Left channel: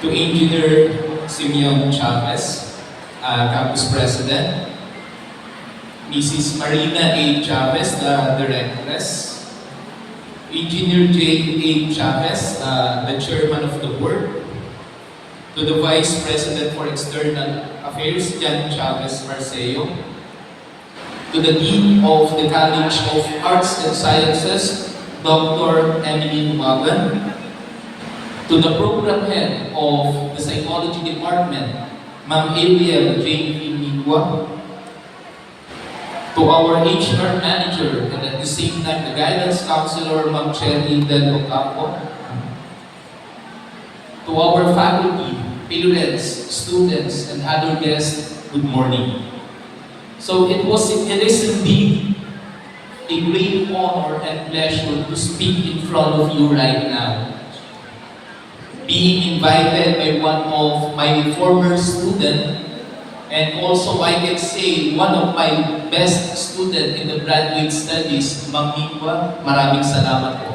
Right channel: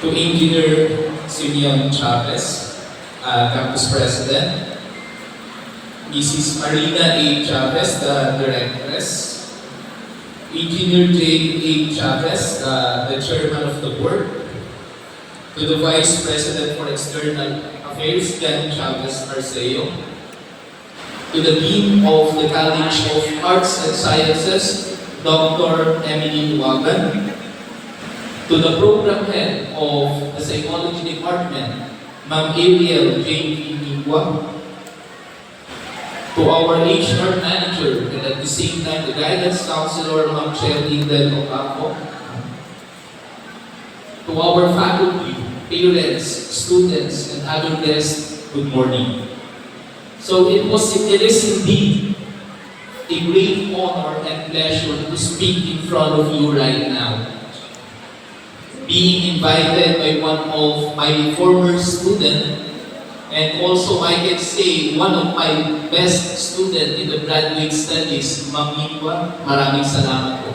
to Engineer Simeon Chavez, Campus President, Mrs. Marina A. Chavez, the Directress, Engineer J. A. Chavez, the Chairman of the Board, to the Vice President for External Affairs, Jan Chavez Arceo, to the Dean of the College of Arts and Sciences, Dr. Emily Wagan, to the Program Head of the Psychology Department, Ma'am Ariel J. Mingwa, to our HR Manager and at the same time the Guidance Counselor, Ma'am Shelly Del Ocampo, to our faculty, parents, students, and other guests, good morning. So it is indeed a great honor and pleasure to speak in front of you right now. Being invited by one of my former students, and also I can say one of my best students in the graduate studies, Ma'am Mingwa, maraming salamat po.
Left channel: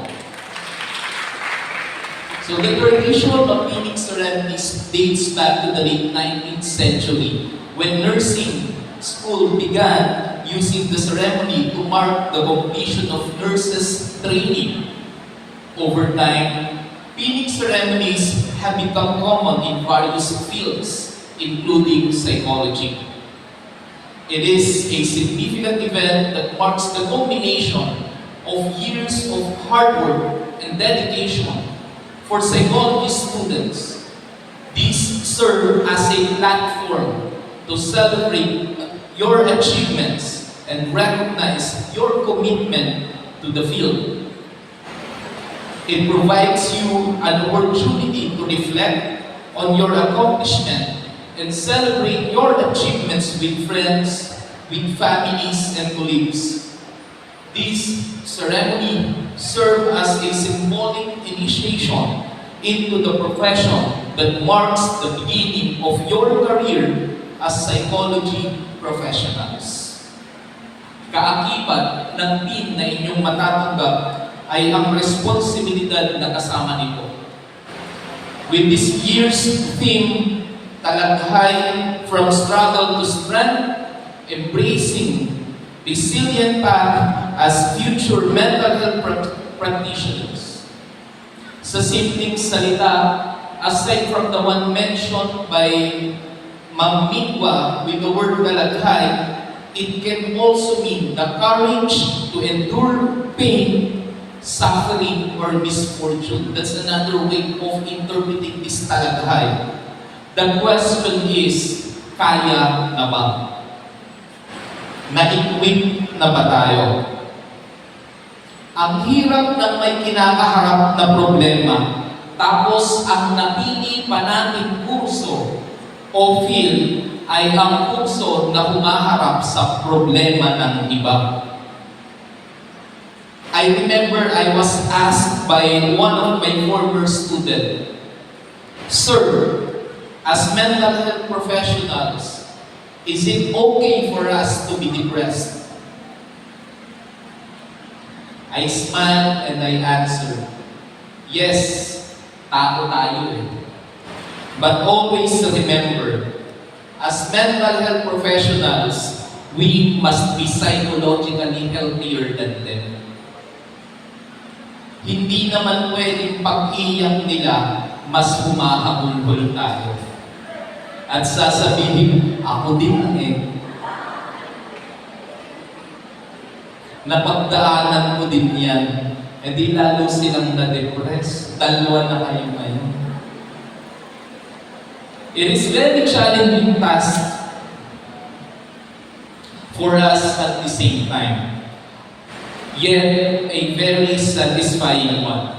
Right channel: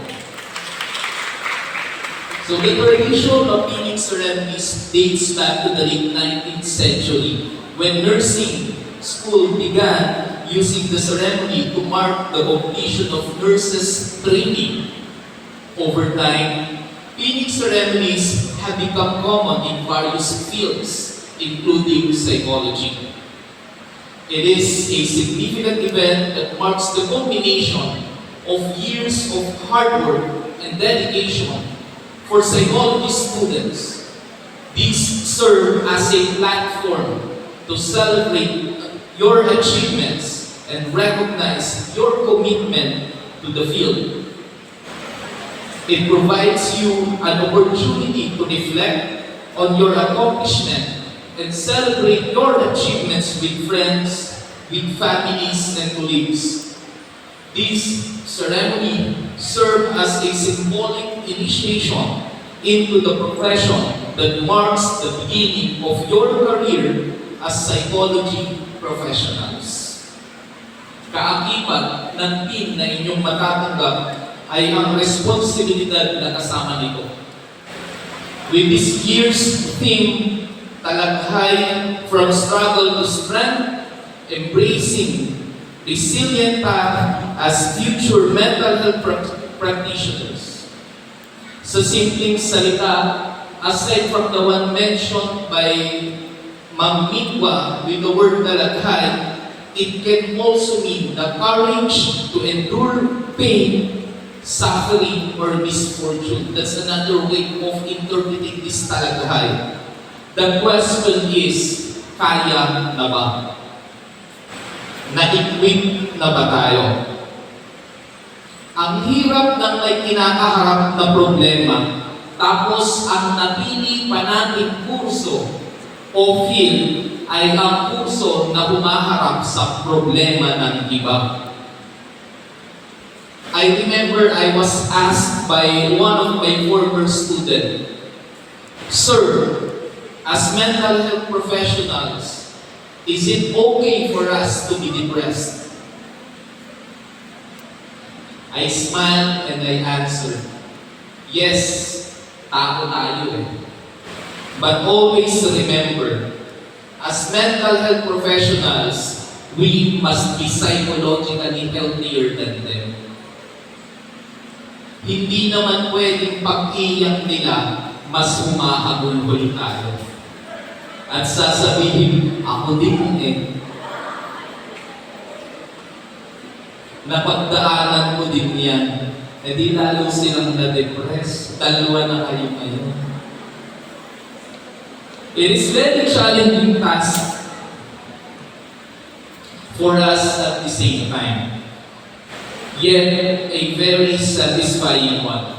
So the tradition of Phoenix ceremonies dates back to the late 19th century when nursing school began using the ceremony to mark the completion of nurses' training. Over time, Phoenix ceremonies have become common in various fields, including psychology. It is a significant event that marks the culmination of years of hard work and dedication for psychology students. These serve as a platform to celebrate your achievements and recognize your commitment to the field. It provides you an opportunity to reflect on your accomplishment and celebrate your achievements with friends, with families, and colleagues. This ceremony serves as a symbolic initiation into the profession that marks the beginning of your career as psychology professionals. Kaakibat ng team na inyong matatanggap ay ang responsibilidad na kasama nito. With this year's theme, talaghay from struggle to strength, embracing resilient path as future mental health practitioners. Sa simpleng salita, aside from the one mentioned by Ma'am Mingwa with the word talaghay, it can also mean the courage to endure pain, suffering, or misfortune. That's another way of interpreting this talaghay. The question is, kaya na ba? Na-equip na ba tayo? Ang hirap ng may kinakaharap na problema, tapos ang napili pa nating kurso o field ay ang kurso na humaharap sa problema ng iba. I remember I was asked by one of my former students, "Sir, as mental health professionals, is it okay for us to be depressed?" I smiled and I answered, "Yes, tao tayo eh. But always remember, as mental health professionals, we must be psychologically healthier than them." Hindi naman pwedeng pag-iyak nila, mas humahabol-hul tayo. At sasabihin, ako din eh. Napagdaanan ko din yan. E di lalo silang na-depress. Dalawa na kayo ngayon. It is very challenging task for us at the same time. Yet a very satisfying one.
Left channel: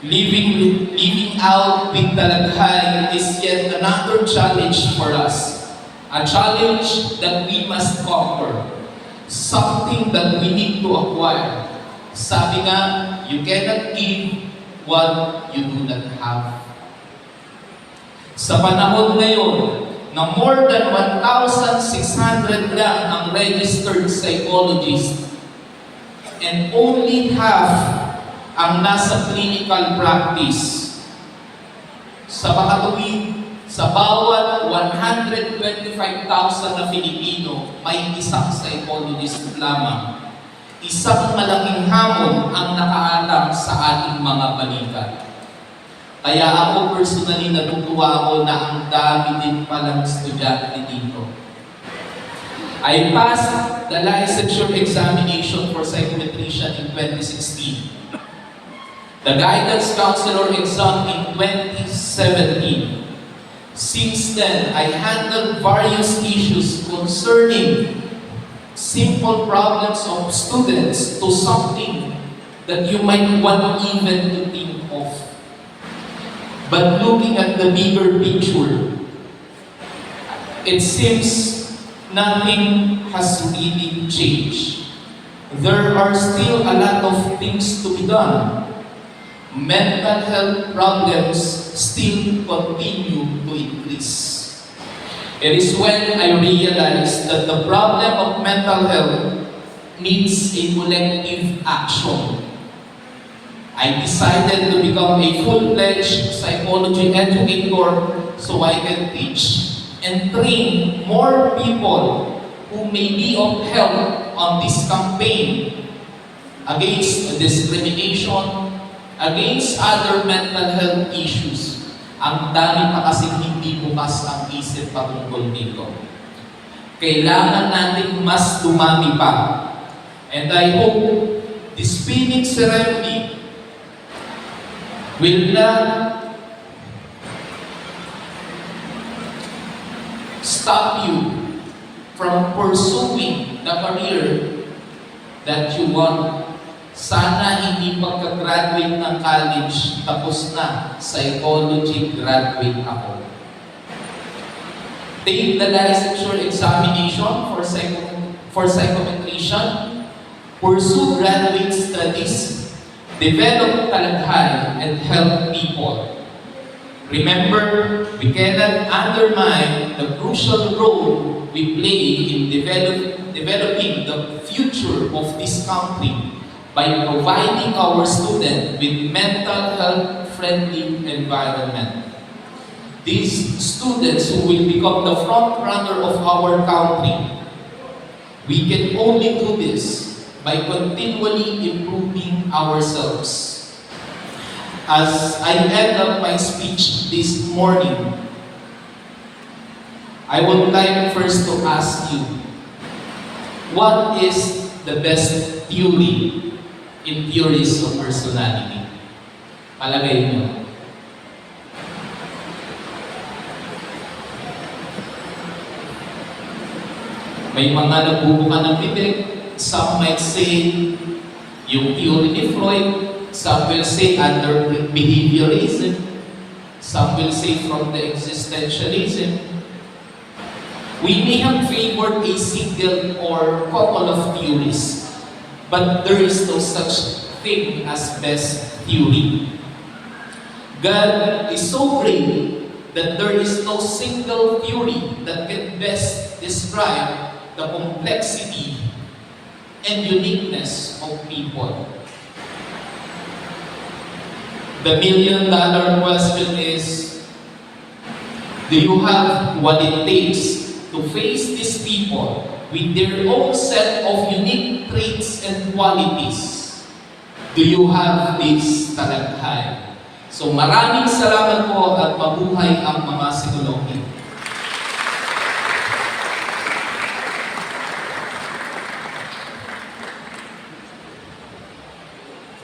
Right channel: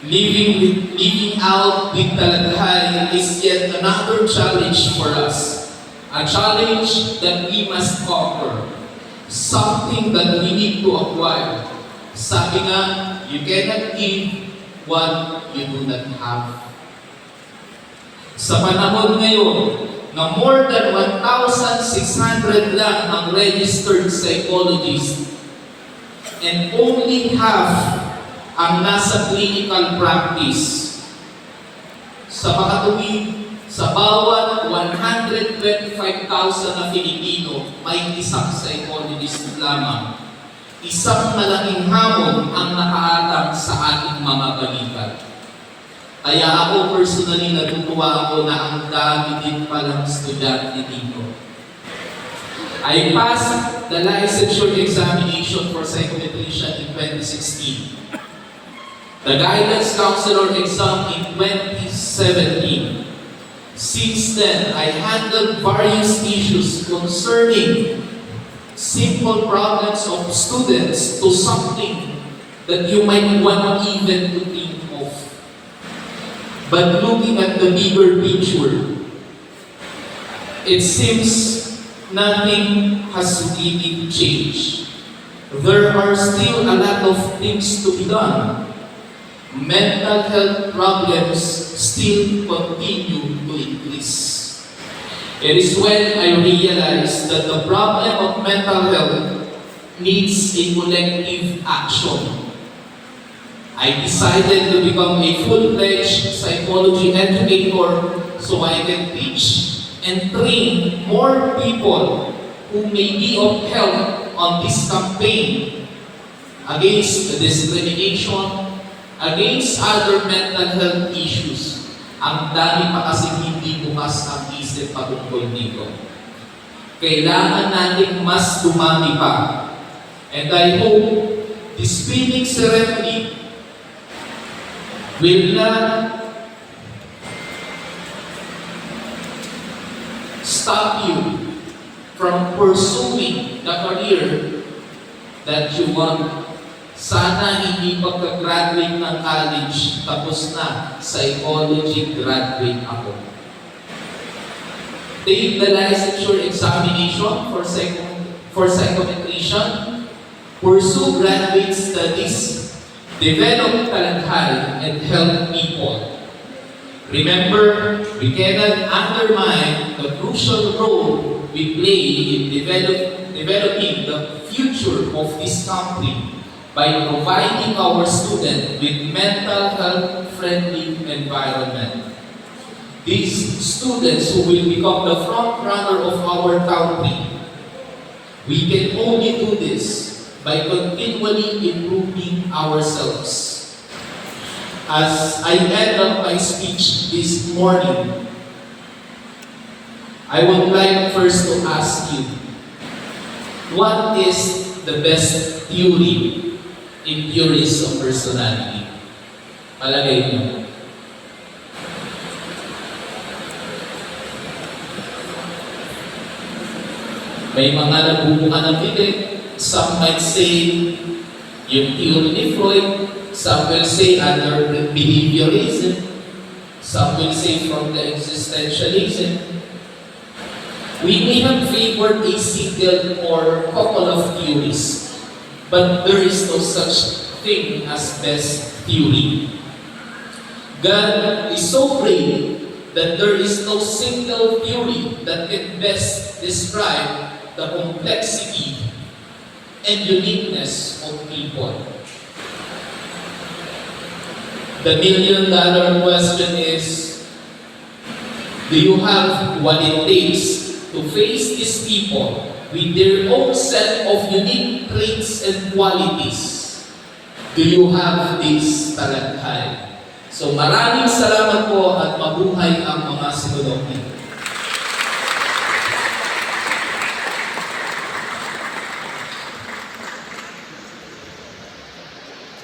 Living out with talaghay is yet another challenge for us. A challenge that we must conquer. Something that we need to acquire. Sabi nga, you cannot give what you do not have. Sa panahon ngayon, na more than 1,600 lang ang registered psychologists and only half ang nasa clinical practice. sa makatuwid sa bawat 125,000 na Filipino, may isang psychologist lamang. Isang malaking hamon ang nakaatang sa ating mga balikat. Kaya ako personally natutuwa ako na ang dami din palang estudyante dito. I passed the licensure examination for psychometrician in 2016. The guidance counselor exam in 2017. Since then, I handled various issues concerning simple problems of students to something that you might want even to think of. But looking at the bigger picture, it seems nothing has really changed. There are still a lot of things to be done. Mental health problems still continue to increase. It is when I realized that the problem of mental health needs a collective action. I decided to become a full-fledged psychology educator so I can teach and train more people who may be of help on this campaign against discrimination, against other mental health issues. Ang dami pa kasi hindi bukas ang isip patungkol dito. Kailangan natin mas dumami pa. And I hope this pinning ceremony will not stop you from pursuing the career that you want. Sana hindi pagka-graduate ng college, tapos na, psychology graduate ako. Take the licensure examination for psychometrician, pursue graduate studies, develop talenthay, and help people. Remember, we cannot undermine the crucial role we play in developing the future of this country by providing our students with mental health-friendly environment. These students who will become the front runner of our country, we can only do this by continually improving ourselves. As I end up my speech this morning, I would like first to ask you, what is the best theory in theories of personality? Palagay niyo. May mga nagbubuka ng bibig. Some might say yung theory ni Freud. Some will say under behaviorism. Some will say from the existentialism. We may have favored a single or couple of theories, but there is no such thing as best theory. God is so great that there is no single theory that can best describe the complexity and uniqueness of people. The million-dollar question is, do you have what it takes to face these people with their own set of unique traits and qualities? Do you have this talenthay? So maraming salamat po at mabuhay ang mga psikologi.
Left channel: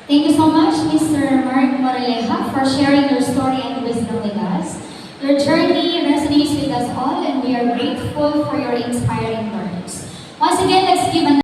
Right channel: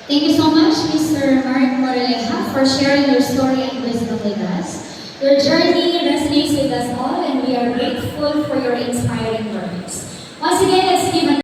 Thank you so much, Mr. Mark Moraleja, for sharing your story and wisdom with us. Your journey resonates with us all, and we are grateful for your inspiring words. Once again, let's give an